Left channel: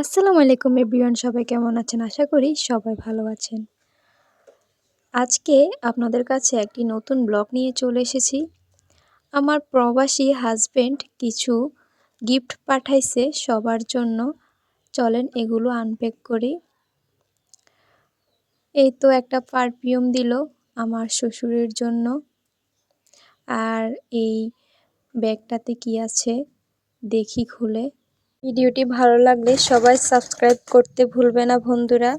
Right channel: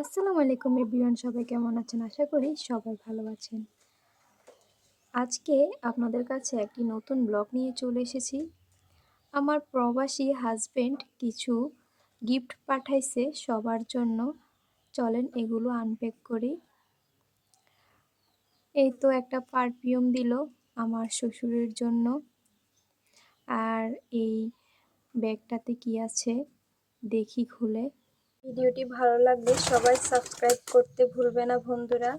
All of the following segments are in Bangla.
আসসালামু আলাইকুম এভরিওয়ান, সবাই কেমন আছেন? আশা করি সবাই ভালো আছেন। আজকে আপনাদের কাছে একটি নতুন ব্লগ নিয়ে চলে এসেছি। আমার প্রবাসী হাসব্যান্ড কিছু গিফট পাঠাইছে সবার জন্য। চলেন এগুলো আনপ্যাক করি। এই তো একটা পারফিউম দিল আমার শ্বশুরের জন্য। আর এই ব্যাগটাতে কি আছে দেখি খুলে। ভিডিওটি ভালো লাগলে সবাই সাবস্ক্রাইব করতে ভুলবে না বন্ধুরা।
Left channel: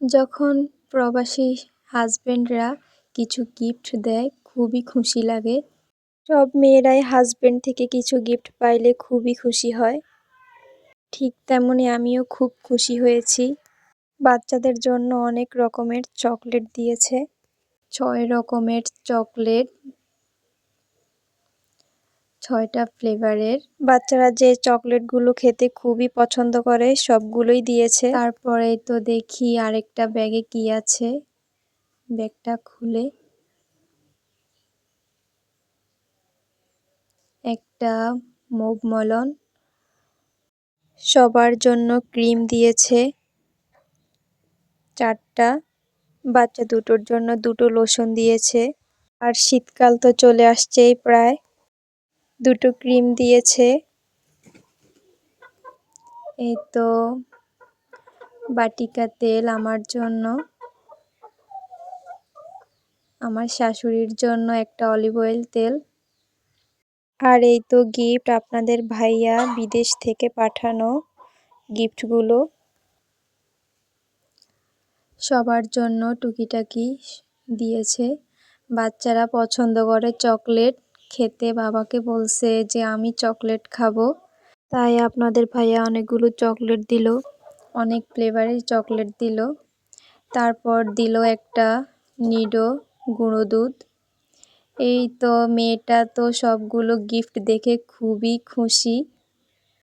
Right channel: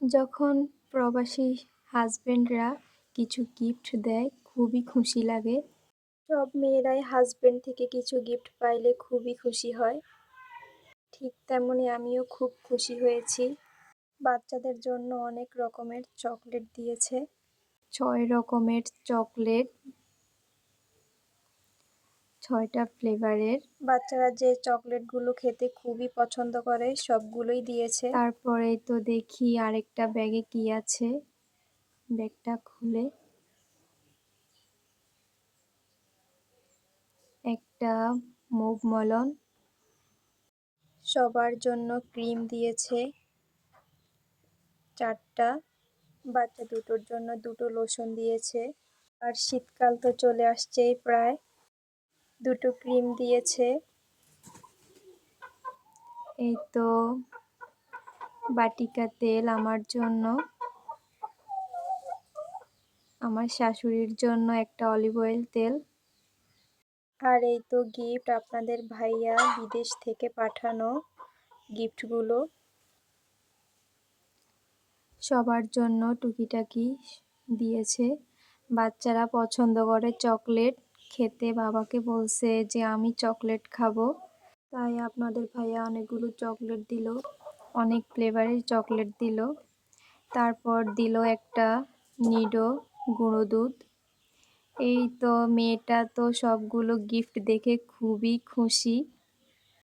যখন প্রবাসী হাজবেন্ডরা কিছু গিফট দেয় খুবই খুশি লাগে। সব মেয়েরাই হাজবেন্ড থেকে কিছু গিফট পাইলে খুবই খুশি হয়। ঠিক তেমনি আমিও খুব খুশি হয়েছি। বাচ্চাদের জন্য অনেক রকমের চকলেট দিয়েছে। 6 রকমের চকলেট, 6টা ফ্লেভারের। বাচ্চারা যে চকলেটগুলো খেতে খুবই পছন্দ করে সবগুলোই দিয়েছে। তারপরেই তো দেখি আরেকটা ব্যাগে কি আছে। ব্যাগটা খুলে একটা মুভ মলন, সবার জন্য ক্রিম দিয়েছে 4টা, বাচ্চা দুটোর জন্য 2টো লোশন দিয়েছে। আর শীতকাল তো চলে আসছেই প্রায়। 2টো ক্রিম দিয়েছে। এই তো বাটিকা তেল আমার জন্য, আমার শাশুড়ির জন্য একটা অলিভ অয়েল তেল। আর এই তো গিফট আপনাদের ভাইয়া বিদেশ থেকে পাঠানো গিফটগুলো। সবার জন্য টুকিটাকি দিয়েছে। বাচ্চারা পছন্দ করে চকলেট খেতে, বাবাকে বলছে যে আমি চকলেট খাবো। তাই আপনাদের ভাইয়া অনেকগুলো চকলেট দিল, অনেক ফ্লেভারের চকলেট দিল। তারপর দিল একটা নিডো গুঁড়ো দুধ। এই তো মেয়েটা তো সবগুলো গিফট দেখে খুবই খুশি।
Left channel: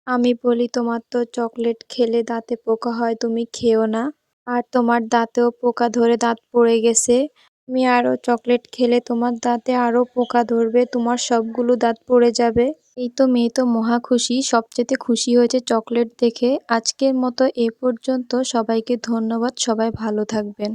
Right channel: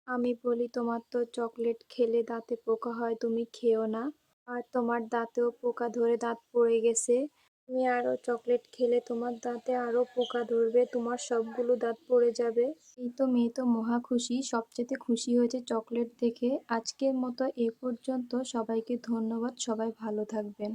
আমি বলি তোমার তো চকলেট খেলে দাঁতে পোকা হয়, তুমি খেও না। আর তোমার দাঁতেও পোকা ধরে দাঁত পড়ে গেছে, তুমি আরও চকলেট খেলে তোমার দাঁতে আরও পোকা ধরবে, তোমার সবগুলো দাঁত পড়ে যাবে। এই তো মেয়ে তো মহা খুশি, সবচেয়ে খুশি হয়েছে চকলেট দেখে। আজকের মতো এ পর্যন্ত, সবাইকে ধন্যবাদ, সবাই ভালো থাকবেন।